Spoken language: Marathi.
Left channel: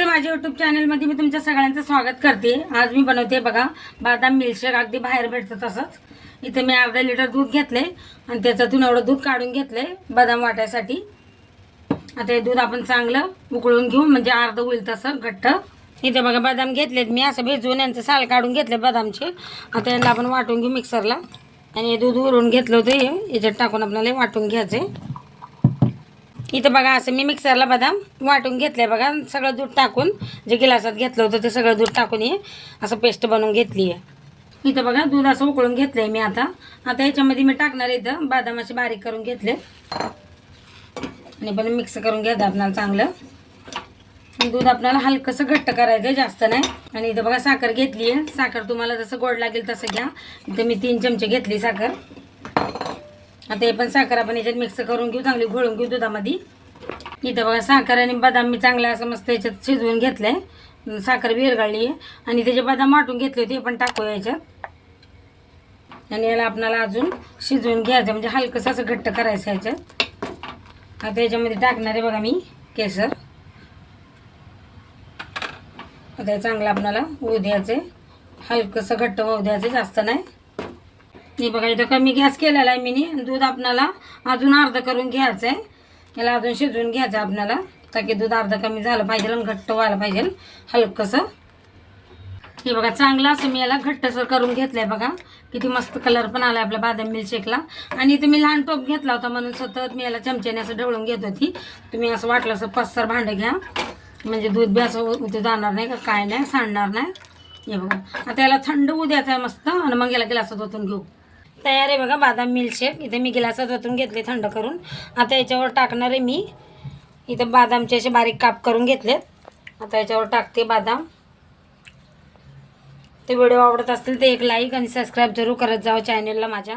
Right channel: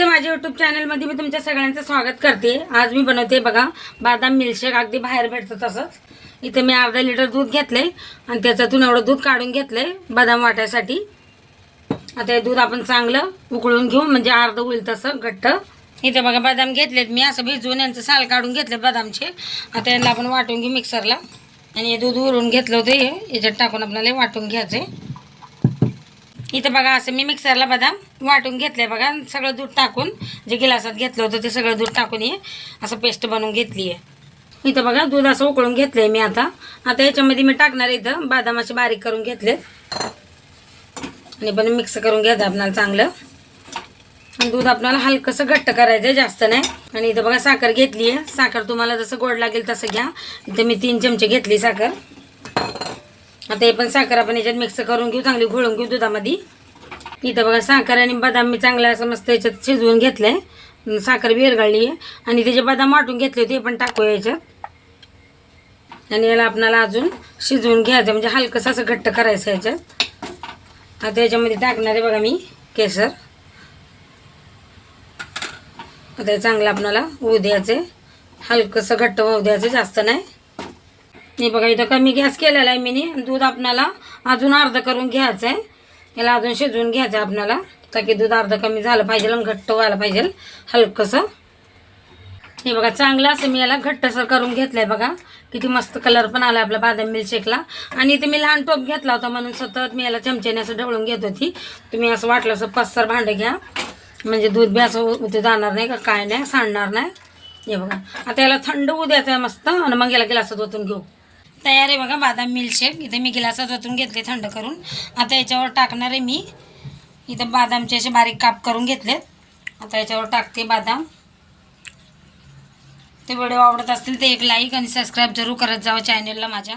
नमस्ते माझ्या युट्यूब चॅनलमध्ये मी तुमच्या सगळ्यांचं स्वागत करते. आज मी बनवते बघा बदाम मिल्कशेक अगदी बाहेर भेटतं तसंच. इथे मी अर्धा लिटर दूध घेतलंय आणि त्याच्यातून एवढं दूध काढून घेतलंय बदाम वाटायसाठी. आता हे दूध आपण चांगलं उकळून घेऊ म्हणजे अर्धं होईल तसं घट्ट. इथे बघा बदाम घेतलेत मी. असं भिजवून यांचं साल काढून घेतले बदामचे. आता यांना आपण वाटून घेऊ मिक्सरला आणि हे दूध उरून घेतलं होतं हे. याच्यात टाकून आपल्याला वाटून घ्यायचं आहे इथं बघा असं मी मिक्सरला बदाम वाटून घेतलंय बघा. सगळं दूध टाकून जे गिलासात घेतलं होतं ते सगळं दूध टाकून हे असं पेस्ट बनवून घेतली आहे. इथं बघा दूध असं उकळून घेतलंय मी आता. आता याच्यामध्ये मी टाकणार इथं बदाम असे बारीक करून घेतले. आणि पण मिक्स करून घ्यायचं आपल्याला चांगलं. दूध आपल्याला हलकंसं घट्ट करायचं आहे जास्त नाही. आणि इथं बघा साखर घेतली आहे. साखर तुम्हाला जसं गोड लागेल तसं घ्या. इथं मी तीन चमचे घेतली साखर. आता हे पण साखर आपण याच्यात मिक्स करून घेऊ चांगली घोळून घेऊ दुधामध्ये. इथं बघा साखर आणि बदाम मी चांगला असं मस्त याच्यात शिजवून घेतलंय. साखर विरघळली. आहे आणि त्याचे बदाम वाटून घेतले ते पण टाकू याच्यात. आणि याला आपणाला अजून शिजवून घ्यायचं म्हणजे हलकंसं असं घट्ट करायचं याच्यात. आता याच्यामध्ये टाकणार आहे बघा मी केसर. आता चांगलं आपणाला होऊ द्यायचं हलकंसं घट्ट होऊ द्यायचं जास्त नाही. हे बघा इथं कमी गॅस केलेला आहे मी दूध आपणाला अजून अर्ध करून घ्यायचं आहे याला अजून शिजवून घ्यायचं आहे आपणाला ताकी दूध अर्ध कमी झालं पाहिजे आणि घट्ट व्हायला पाहिजे हलकंसं. हे बघा चांगलं असं मी याला घट्टसर करून घेतलंय बघा. किती मस्त कलर पण आला आपला बादाम मिल्कशेकला आणि इथे मी लहान टोप घेतला होता म्हणून सतत मी याला चमच्याने असं ढवळून घेत होती. तुम्ही असं वाटलं असं पस्तर भांडं घ्या. म्हणजे दूध बी असं उते जाणार नाही का काय नाही सांडणार नाही. हे बघा. आता याला थंड उद्याचं आहे मस्त. आणि मग याला गिलासात ओतून घेऊ. तयार आहे बघा बादाम मिल्कशेक इथे मी गिलासात ओतून घेतले थंड करून. आता याच्यावर टाकणार आहे मी. इथं बादामचे असे बारीक काप करून घेतलेत. आता याच्यावर टाकते बादाम. ते व्हिडिओ आवडत असतील ते एक लाईक आणि सबस्क्राईब जरूर करत जावं चॅनेलला माझ्या.